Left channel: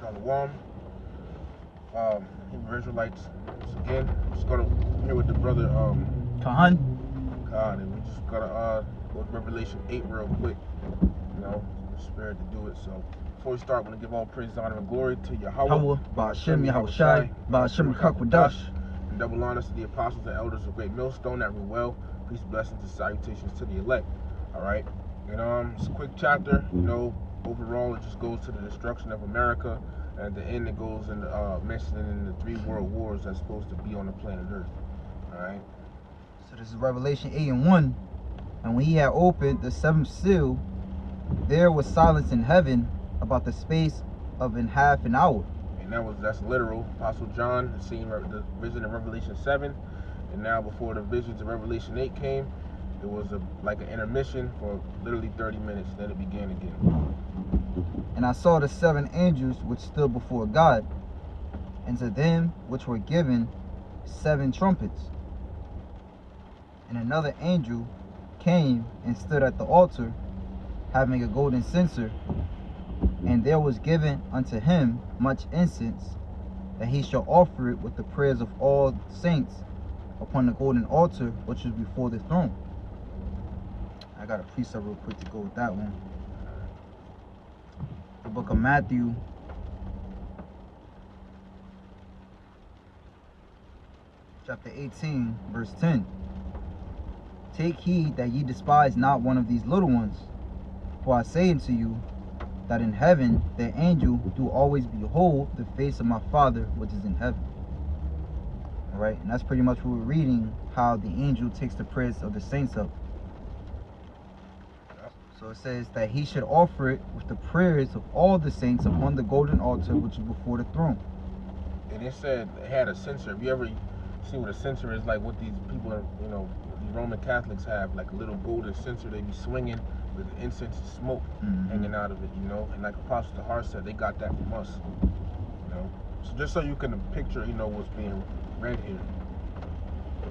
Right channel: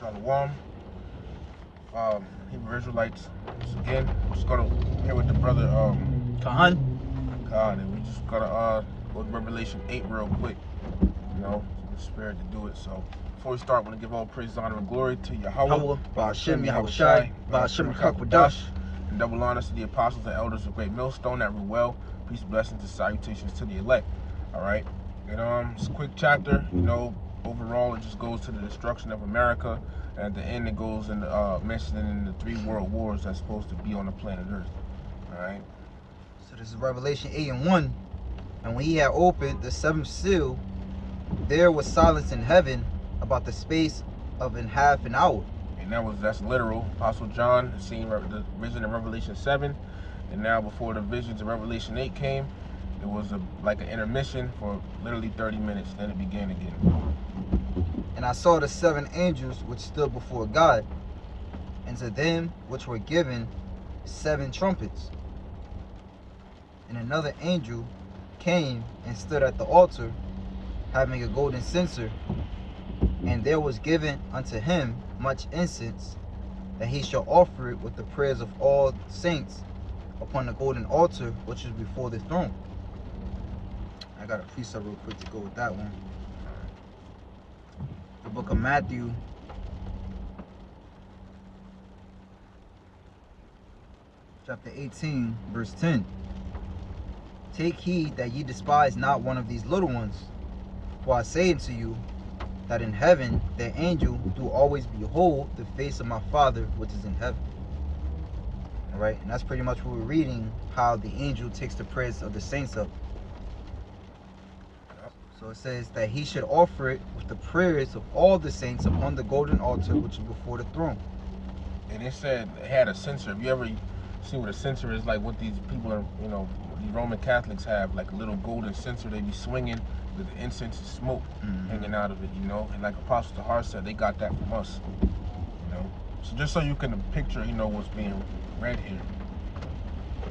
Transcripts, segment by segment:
Shalom. Hebrew Israelites. So again, we're just gonna here with the brother Khan, and we just gonna go to Revelation 8 real quick. You know, the spirit to do it. So before we start, I want to give all praise, honor, and glory to Yahweh, Ba'ashem Yahushai, Ba'ashem Hakwadash, and double honors to the apostles and elders of Great Millstone that rule well. Peace, blessings, and salutations to the elect. All right, and it's a quick chapter. You know, overall it just goes to the destruction of America, and at the end it goes and mentioning in the 3 world wars that's supposed to be on the planet Earth. All right. So this is Revelation 8:1. And when he had opened the 7th seal, there was silence in heaven about the space of half an hour. And that's literal. Apostle John had seen the vision in Revelation 7, and now before the visions of Revelation 8 came, it was like an intermission for literally 30 minutes. Then it began again. And I saw the 7 angels which stood before God, and to them which were given 7 trumpets. And another angel came and stood at the altar, having a golden censer, and there was given unto him much incense, that he shall offer it with the prayers of all saints upon the golden altar which is before the throne. I got a precept real quick to go with that one. The book of Matthew, chapter 18, verse 10. Take heed that ye despise not one of these little ones, for I say unto you, that in heaven their angel do always behold the face of my Father which is in heaven. Alright, and that's pretty much what we're reading, how the angel takes the prayers of the saints up. So it says that he should offer it with the prayers of all the saints upon the golden altar which is before the throne. And it said it had a censer. Have you ever seen what a censer is like? What these people are, you know, the Roman Catholics have, like a little golden censer they be swinging with the incense and smoke hanging out of it, you know. And like Apostle Tahar said, they got that from us, you know. So just so you can picture, you know, what's being read here.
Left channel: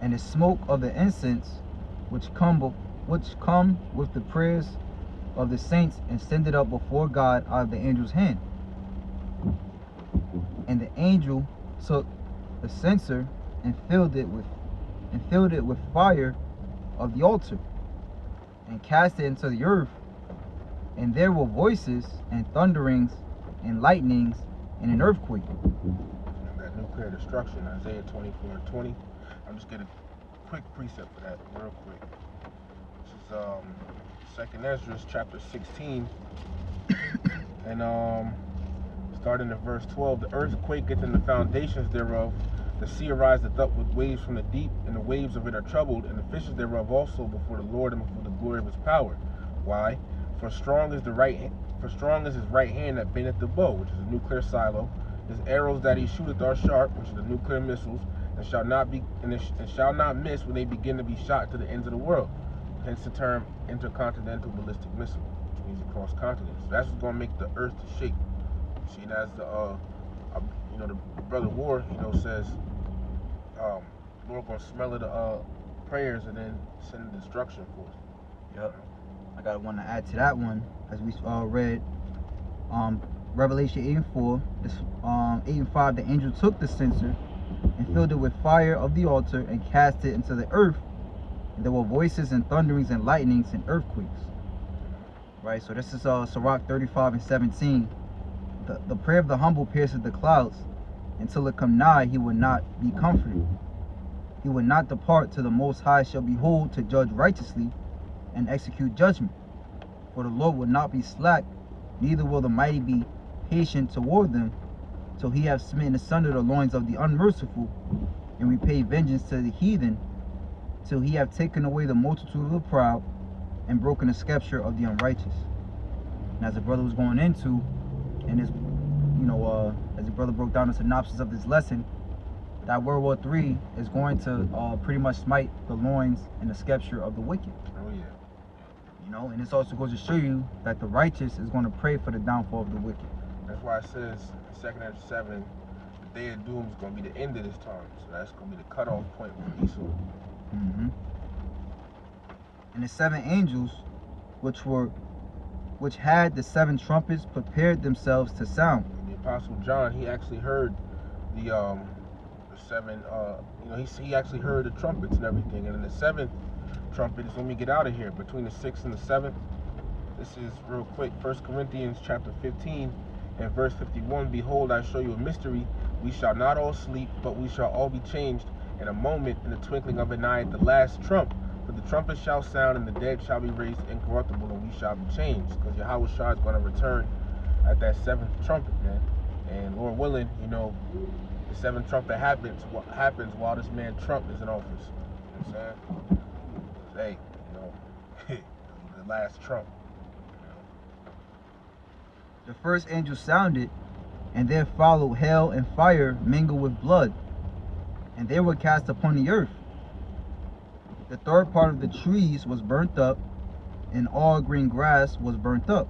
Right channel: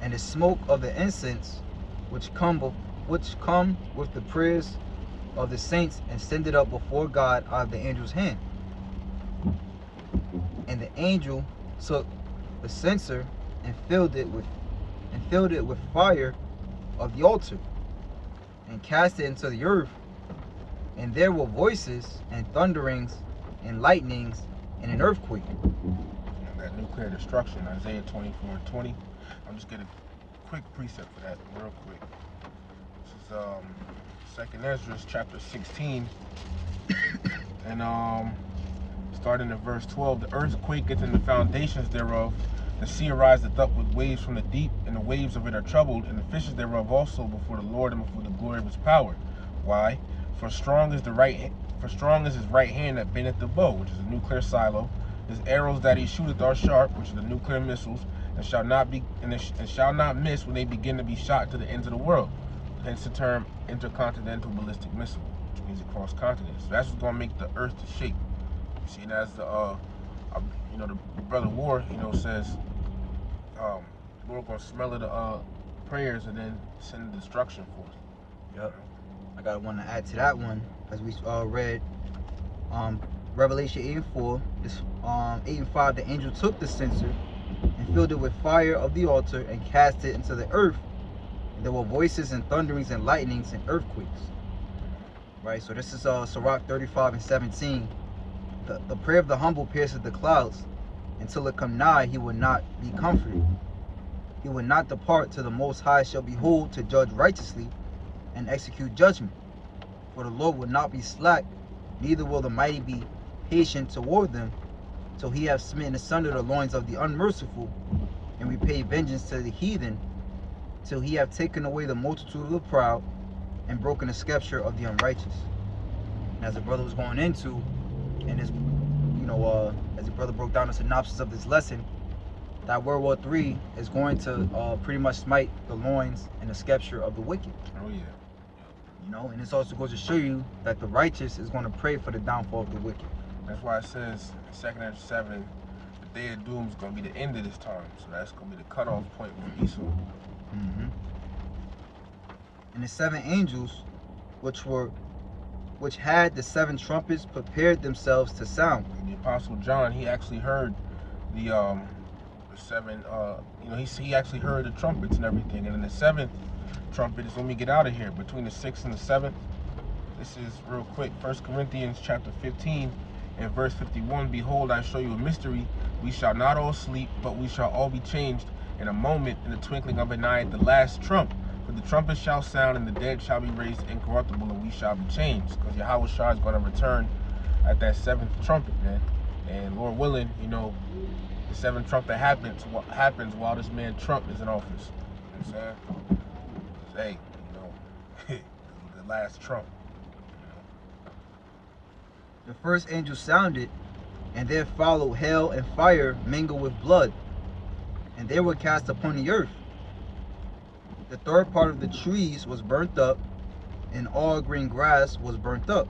And the smoke of the incense which come with the prayers of the saints and send it up before God out of the angel's hand. And the angel took the censer and filled it with fire of the altar, and cast it into the earth. And there were voices and thunderings and lightnings and an earthquake. And that nuclear destruction, Isaiah 24:20. I'm just getting a quick precept for that real quick. This is 2nd Ezra chapter 16. And starting at verse 12, the earth quaketh in the foundations thereof, the sea ariseth up with waves from the deep, and the waves of it are troubled, and the fishes thereof also before the Lord and before the glory of his power. Why? For strong is his right hand that bendeth the bow, which is a nuclear silo. His arrows that he shooteth are sharp, which is the nuclear missiles, and shall not miss when they begin to be shot to the ends of the world. Hence the term intercontinental ballistic missile, which means across continents. So that's what's gonna make the earth to shake. You see, and as the you know, the brother War, you know, says, Lord gonna smell of the prayers and then send destruction forth. Yep. I got one to add to that one, as we read Revelation 8:4. This 8:5, the angel took the censer and filled it with fire of the altar and cast it into the earth. And there were voices and thunderings and lightnings and earthquakes. Right, so this is Sirach 35:17. The prayer of the humble pierces the clouds. Until it come nigh, he will not be comforted. He will not depart till the Most High shall behold to judge righteously and execute judgment. For the Lord will not be slack, neither will the mighty be patient toward them, till he have smitten asunder the loins of the unmerciful, and repay vengeance to the heathen, till he have taken away the multitude of the proud, and broken the scepter of the unrighteous. And as the brother was going into, and this, you know, as the brother broke down the synopsis of this lesson, that World War III is going to pretty much smite the loins and the scepter of the wicked. Oh yeah. You know, and this also goes to show you that the righteous is going to pray for the downfall of the wicked. That's why it says in 2nd Ezra 7, the day of doom is going to be the end of this time. So that's going to be the cutoff point for Esau. And the 7 angels, which had the 7 trumpets, prepared themselves to sound. They Apostle John, he actually heard the seven. He actually heard the trumpets and everything. And then the seventh trumpet is when we get out of here. Between the sixth and the seventh. This is real quick. 1 Corinthians chapter 15 and verse 51. Behold, I show you a mystery. We shall not all sleep, but we shall all be changed in a moment, in the twinkling of an eye, at the last trump. For the trumpet shall sound, and the dead shall be raised incorruptible, and we shall be changed. Because Yahweh Shah is going to return at that seventh trumpet, man. And Lord willing, the seventh trumpet happens while this man Trump is in office. You know what I'm saying? Hey, the last trump. The first angel sounded, and there followed hail and fire mingled with blood, and they were cast upon the earth. The third part of the trees was burnt up, and all green grass was burnt up.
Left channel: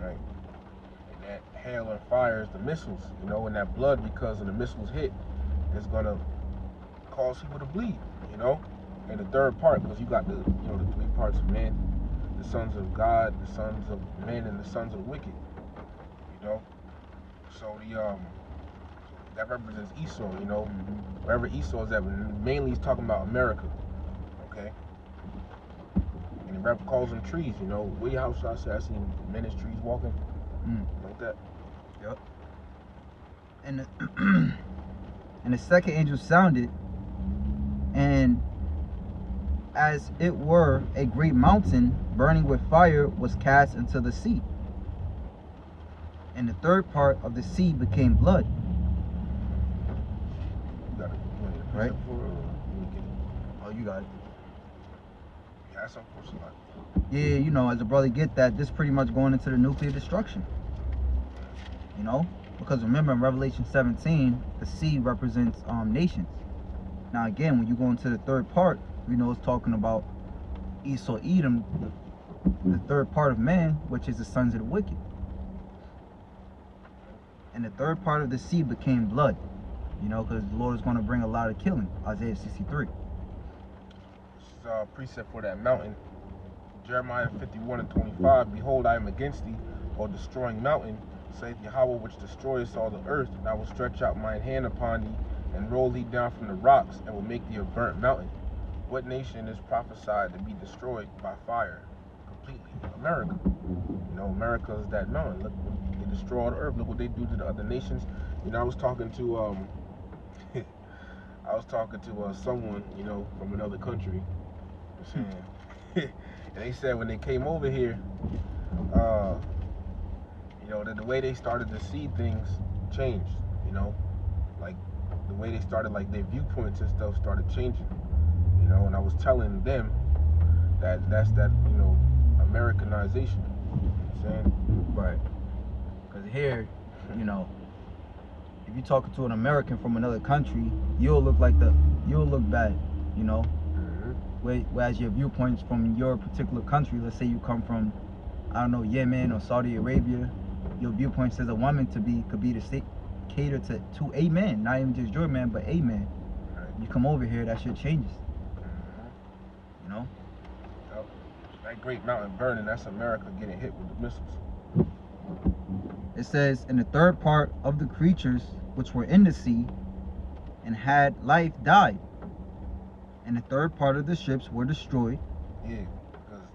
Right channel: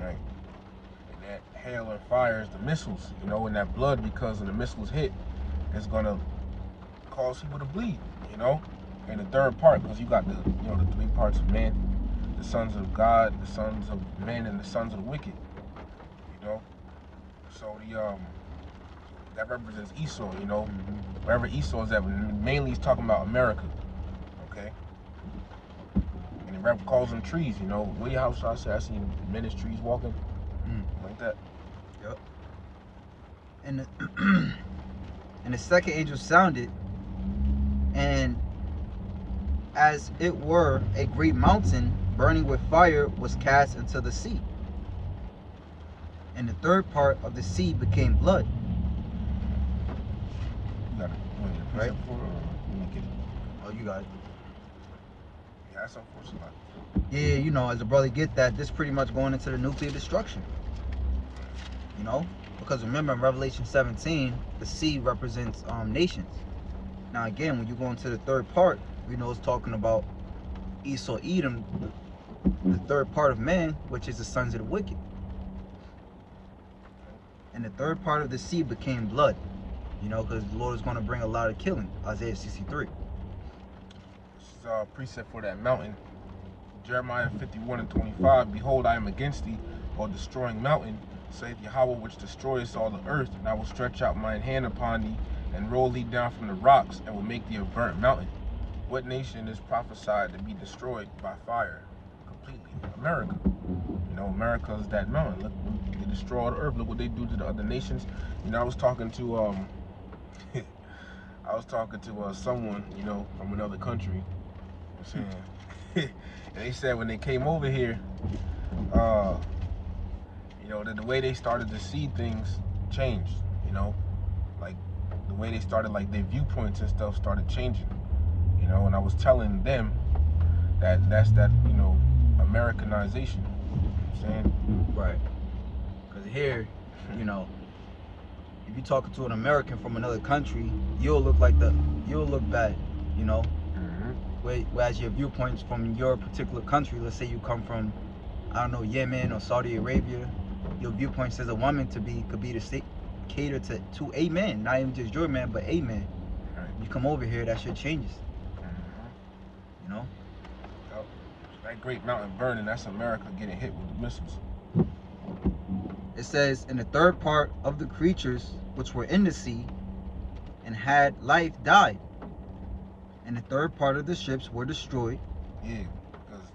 Right. And that hail and fire is the missiles, and that blood, because when the missiles hit, it's gonna cause people to bleed, And the third part, because you got the three parts of man, the sons of God, the sons of men, and the sons of the wicked. So that represents Esau, wherever Esau is at. Mainly he's talking about America, okay? And the rep calls them trees, Where your house, I seen men as trees walking, like that. Yep. And the second angel sounded, and as it were a great mountain burning with fire was cast into the sea. And the third part of the sea became blood. You got it. Right? Oh, you got it. Yeah, that's unfortunate. Yeah, as a brother get that, this pretty much going into the nuclear destruction. Because remember in Revelation 17, the sea represents nations. Now again, when you go into the third part, we know it's talking about Esau, Edom, the third part of man, which is the sons of the wicked. And the third part of the sea became blood, because the Lord is going to bring a lot of killing. Isaiah 63. This is a precept for that mountain. Jeremiah 51 and 25. Behold, I am against thee, or destroying mountain, saith Yahweh, which destroys all the earth. And I will stretch out mine hand upon thee, and roll thee down from the rocks, and will make thee a burnt mountain. What nation is prophesied to be destroyed by fire completely? America. America is that mountain. Look, they destroy the earth. Look what they do to the other nations. I was talking to someone, from another country. And they said when they came over here, that the way they started to see things changed. Like the way they started, like their viewpoints and stuff started changing. And I was telling them that's Americanization. Saying? Right. Because here, if you're talking to an American from another country, you'll look bad, Whereas your viewpoints from your particular country, let's say you come from, I don't know, Yemen or Saudi Arabia, your viewpoints as a woman could be to state, cater to a man, not even just your man, but a man. Right. You come over here, that shit changes. That great mountain burning, that's America getting hit with the missiles. It says, in the third part of the creatures which were in the sea and had life died, and the third part of the ships were destroyed. Yeah, because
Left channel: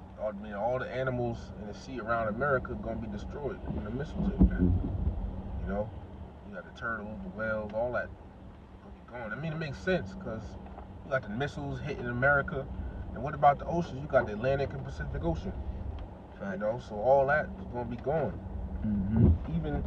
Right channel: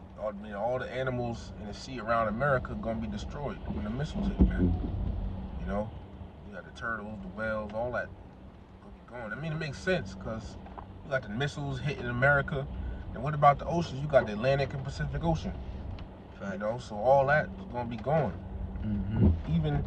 all the animals in the sea around America gonna be destroyed when the missiles hit, man. You got the turtles, the whales, all that will be going. It makes sense because you got the missiles hitting America. And what about the oceans? You got the Atlantic and Pacific Ocean. Right. So all that is gonna be going. Even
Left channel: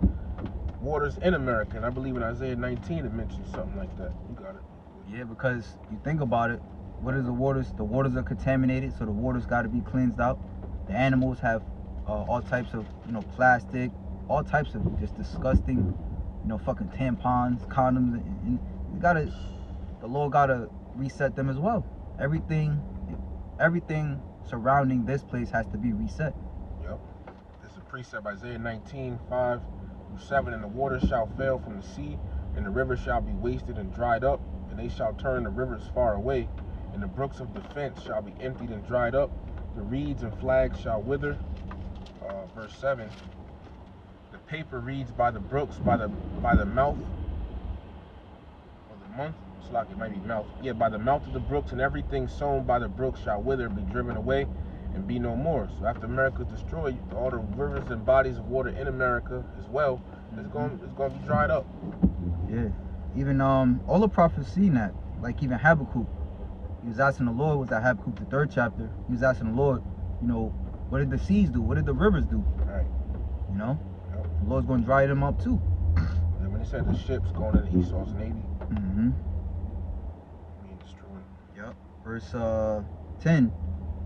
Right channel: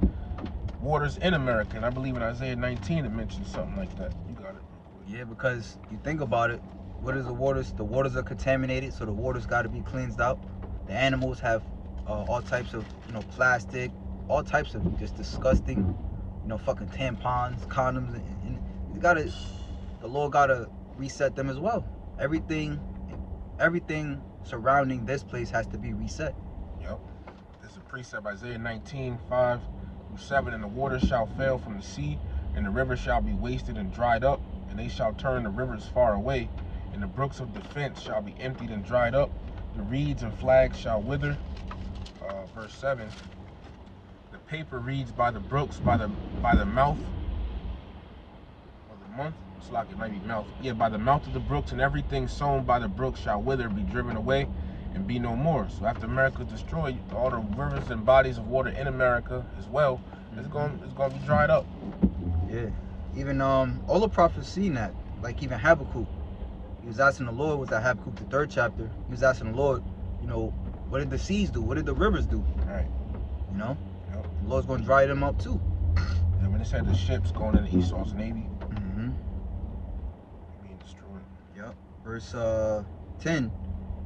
waters in America, and I believe in Isaiah 19 it mentions something like that. You got it. Yeah, because you think about it, what is the waters? The waters are contaminated, so the waters got to be cleansed out. The animals have all types of, plastic, all types of just disgusting, fucking tampons, condoms, and the Lord gotta reset them as well. Everything surrounding this place has to be reset. Yep. This is a precept, Isaiah 19, 5 through 7. And the waters shall fail from the sea, and the rivers shall be wasted and dried up, and they shall turn the rivers far away, and the brooks of defense shall be emptied and dried up, the reeds and flags shall wither. Verse 7, the paper reads by the brooks, by the mouth, or the month. It's like it might be mouth. Yeah, by the mouth of the brooks, and everything sown by the brooks shall wither, be driven away, and be no more. So after America is destroyed, all the rivers and bodies of water in America as well, it's going to be dried up. Yeah. Even all the prophets seen that. Like even Habakkuk, he was asking the Lord, was that Habakkuk the 3rd chapter? He was asking the Lord, you know, what did the seas do? What did the rivers do? Right. You know, Yep. the Lord's going to dry them up too. And when it said the ships going into Esau's navy, Mm-hmm. being destroyed. Yep. Verse 10,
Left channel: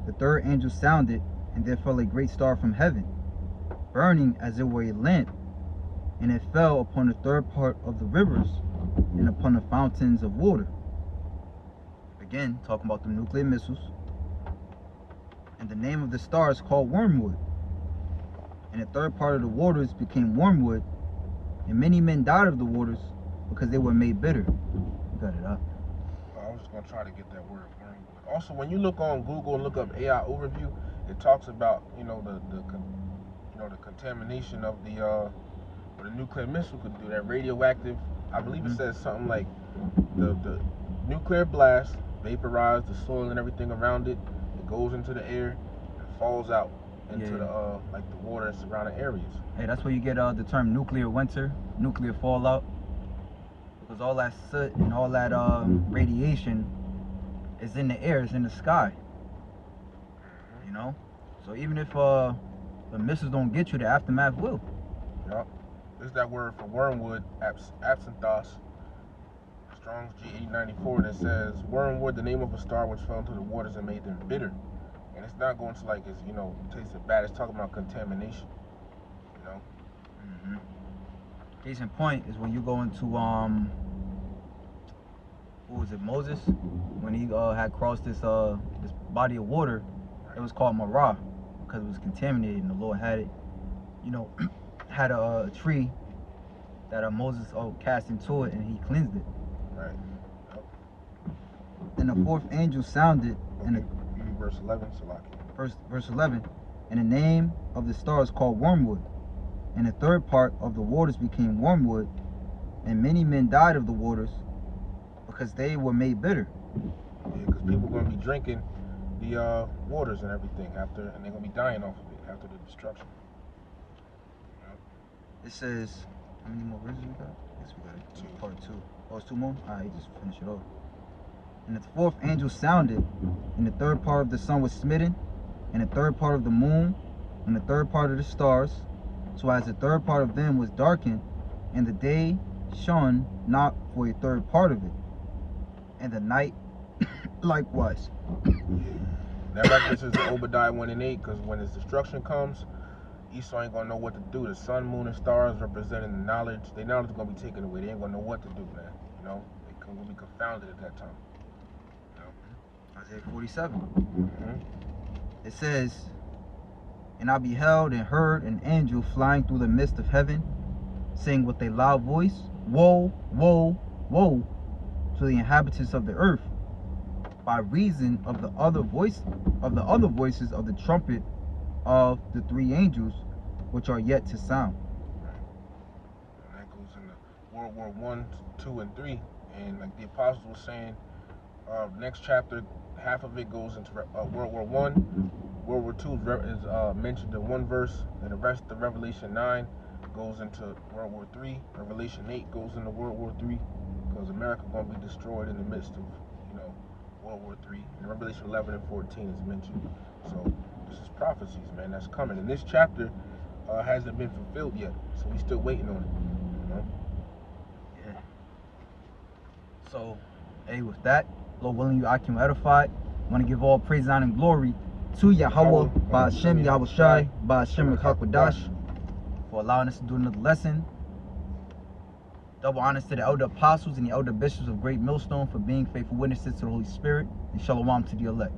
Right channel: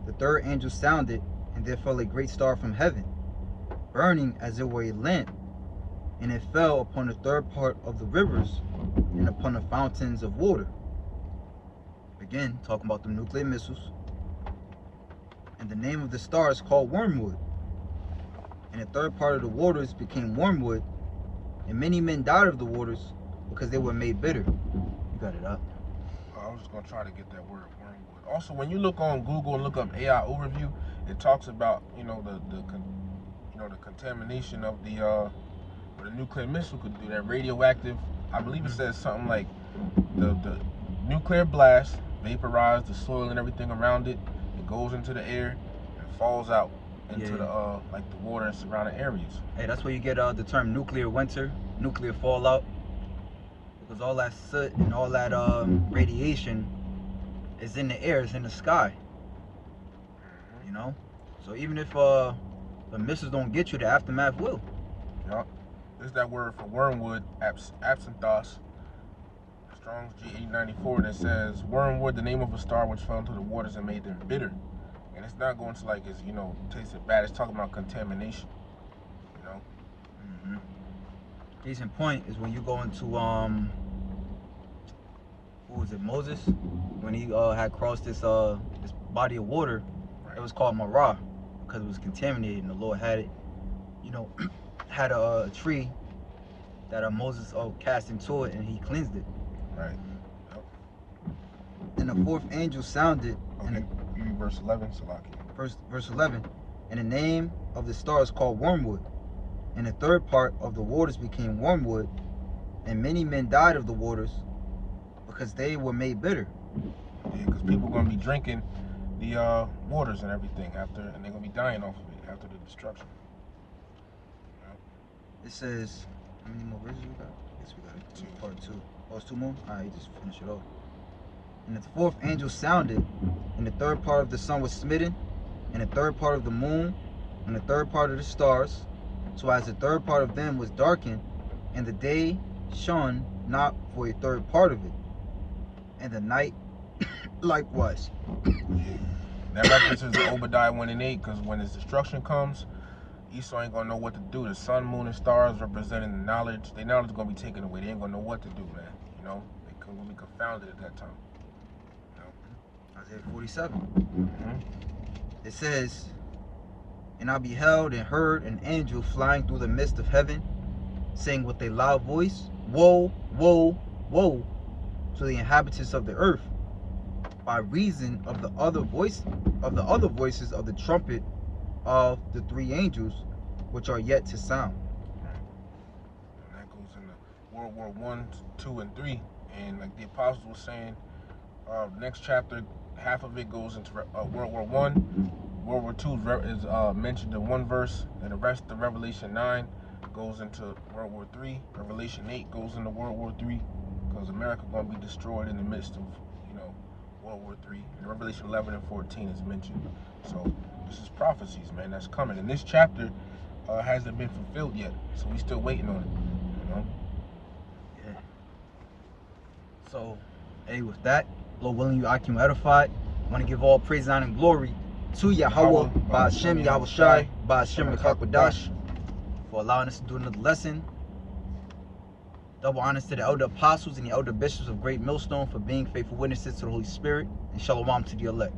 the 3rd angel sounded, and there fell a great star from heaven, burning as it were a lamp, and it fell upon the 3rd part of the rivers and upon the fountains of water. Again, talking about the nuclear missiles. And the name of the star is called Wormwood. And the 3rd part of the waters became wormwood, and many men died of the waters because they were made bitter. You got it up. I was just gonna try to get that word. Also, when you look on Google and look up AI overview, it talks about the contamination of what a nuclear missile could do. That radioactive. I believe it says something like the nuclear blast vaporized the soil and everything around it. It goes into the air and falls out into the like the water and surrounding areas. Hey, that's where you get the term nuclear winter, nuclear fallout, because all that soot and all that radiation is in the air, it's in the sky. You know, so even if the missiles don't get you, the aftermath will. Yup. There's that word for wormwood, absinthos. Strong's G894 that says wormwood, the name of a star which fell into the waters and made them bitter. And it's not going to like it's tasted bad. It's talking about contamination. You know. Mm-hmm. Case in point is when you go into who was it, Moses, when he had crossed this body of water. Right. It was called Marah because it was contaminated, and the Lord had it, had a tree that Moses cast into it, and he cleansed it. Right. Yep. Then the 4th angel sounded, Okay. Verse 11, Salaki. Verse 11, and the name of the star is called Wormwood, and the 3rd part of the waters became wormwood, and many men died of the waters because they were made bitter. Yeah, because people are going to be drinking the waters and everything after, and they're going to be dying off of it after the destruction. It says, how many more verses we got? I guess we got it. 2. Part 2. Oh, it's 2 more? Alright, just finish it off. And the 4th angel sounded, and the 3rd part of the sun was smitten, and the 3rd part of the moon, and the 3rd part of the stars, so as the 3rd part of them was darkened, and the day shone not for a 3rd part of it, and the night likewise. That references to Obadiah 1 and 8, because when his destruction comes, Esau ain't gonna know what to do. The sun, moon, and stars representing the knowledge. Their knowledge is gonna be taken away. They ain't gonna know what to do, man. They gonna be confounded at that time. Isaiah 47. Mm-hmm. It says, and I beheld and heard an angel flying through the midst of heaven, saying with a loud voice, Woe, woe, woe to the inhabitants of the earth, by reason of the other voices of the trumpet of the 3 angels which are yet to sound. And that goes into World War 1, 2, and 3. And like the apostles were saying, next chapter, half of it goes into World War 1. World War 2 is mentioned in one verse, and the rest of Revelation 9 goes into World War 3. Revelation 8 goes into World War 3, because America going to be destroyed in the midst of, World War 3. And Revelation 11 and 14 is mentioned. So this is prophecies, man, that's coming. And this chapter hasn't been fulfilled yet, so we're still waiting on it. Yeah. So, hey, with that, Lord willing, I can edify. I want to give all praise, honor, and glory to Yahweh, Ba'ashem, Yahweh Shai, Ba'ashem, Rekakwadash, for allowing us to do another lesson. Double honors to the elder apostles and the elder bishops of Great Millstone for being faithful witnesses to the Holy Spirit, and shalom to the elect.